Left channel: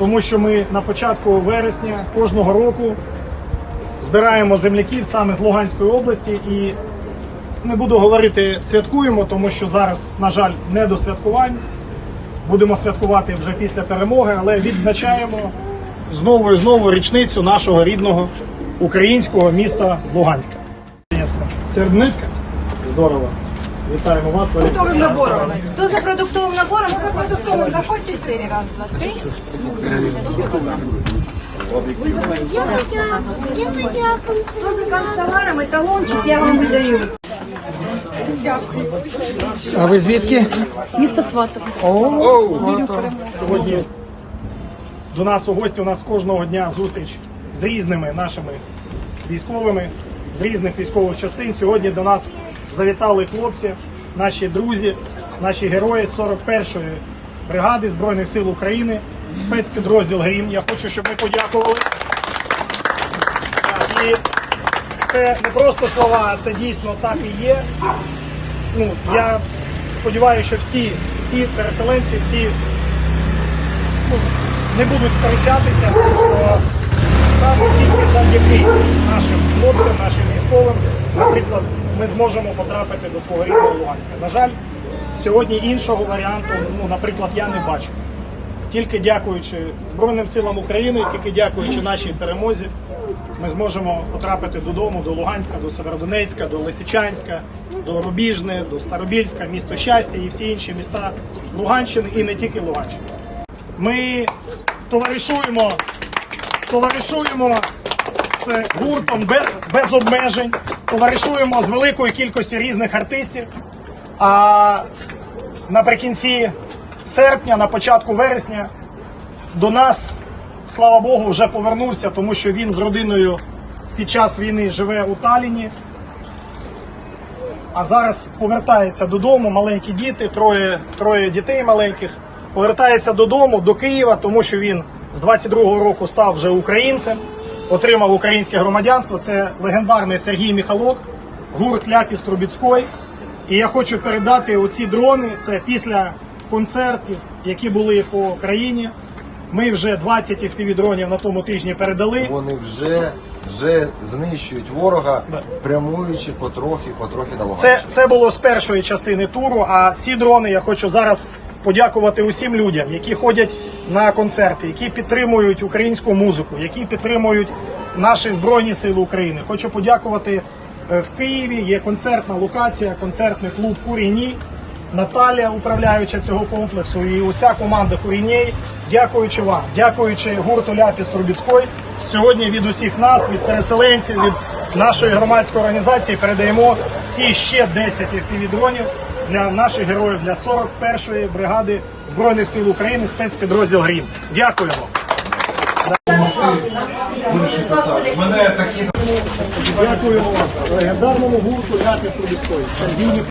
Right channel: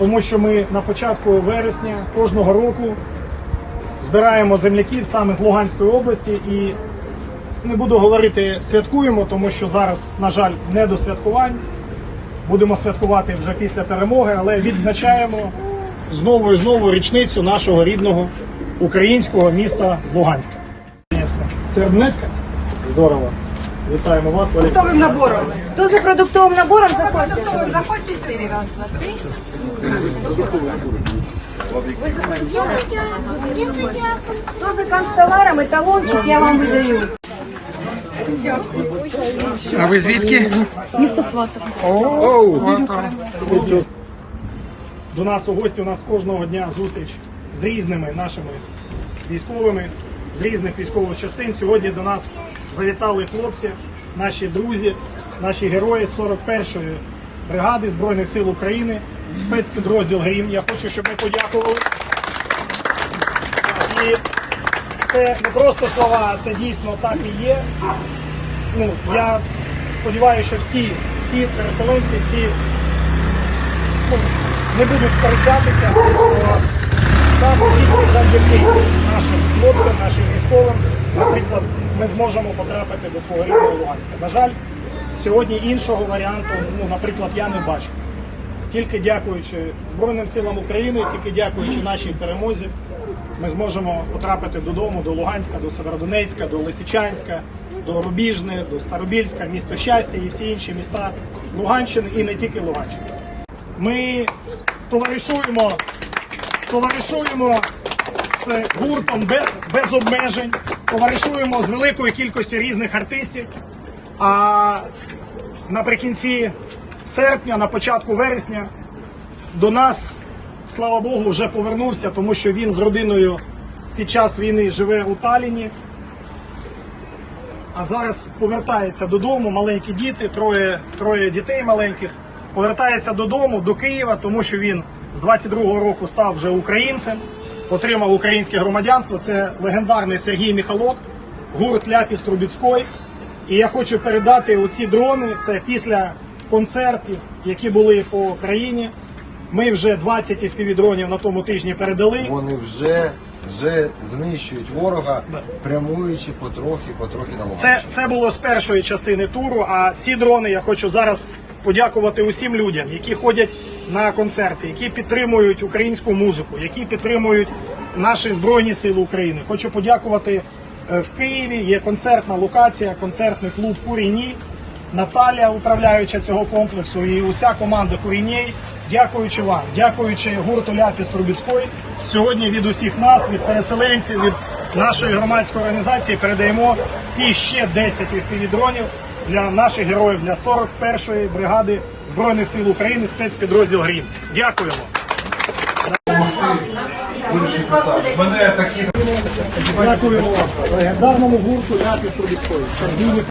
тому що ми на початку вересня кожного року збираємо земляків саме з Луганської області і не буду говорити святкуємо, тому що зараз, на жаль, не до святкувань. Будемо святкувати вже після перемоги, але відзначаємо знову і знову річницю нашого рідного українського міста Луганська. Середницька? Здорово. Вітаємо вас, Валерій. продуктовим набором. Хто за продуктовим набором, за продуктовим заходь чотири. Раз, два, три. Хто за канцтоварами, талончик я вам видаю. А ви звідки? Місто Сватов. Сьогодні до нас у гості у нас кожного дня зустріч з різними нашими військовими з різних військових частин. Сьогодні до нас завітали хлопці, наші друзі, наші герої 41-ї бригади Збройних сил України, спецпідрозділ Грім. Я хочу, щоб ми подякували. І це не просто слова, це дійсно так і є. Ну, я сподіваюся, що всі, всі переселенці, всі ну, не будуть сперечатися, саме завдяки нашим хлопцям, нашим військовим, наприклад, ми зможемо потрапити до свого рідного Луганська. На жаль, сьогодні іншого варіанту, ну, наприклад, я не бачу. Тільки дякуючи Збройним силам України, тільки дякуючи нашій перемозі, ми зможемо потрапити додому, до Луганська, до Северодонецька, до Лисичанська, до Рубіжне, до Старобільська, місто щастя і всі інші міста Луганщини і не тільки Луганщини. Ми товаришуємо, товаришуємо з гуртом без, без обмежень, товаришуємо з великою кількістю різних артистів. А наприкінці серпня, на початку вересня, до нас, слава Богу, вже повернувся, тому що він з родиною під час війни живе у Таліні. А зараз повертається додому, маленькі діти, троє, троє дітей маленьких. Повертається додому до Києва, тому що він з 22-го року став вже українцем, отримав українське громадянство. Це легендарний Сергій Міхалок, гурт Ляпіс Трубіцький. І я хочу передати оці дрони. Це після концертів, які були по країні. Ми вже 20 fpv дронів на тому тижні передали. Вони вже, вже знищують ворога, прямуючи потрохи, потрохи на Луганщину. Це, це було з першої частини туру. А ці дрони я хочу зараз подякувати усім людям, які ходять на концерти, які підтримують українську музику, які підтримують наші збройні сили України. Хочу подякувати е, в Києві. Є концертна локація, концертний клуб Куріні. Наталя, управляюча цього комплексу, і уся команда Курінєй, дякуючи вам, дякуючи гурту Ляпіс Трубіцький, сьогодні від усіх нас, від переселенців, від нашої громадської організації передаємо ці ще 10 дронів для наших героїв, для 41-ї бригади Збройних сил України, спецпідрозділ Грім. Дякуємо. Дякуємо вам, легендарному гурту якість Трубіцької.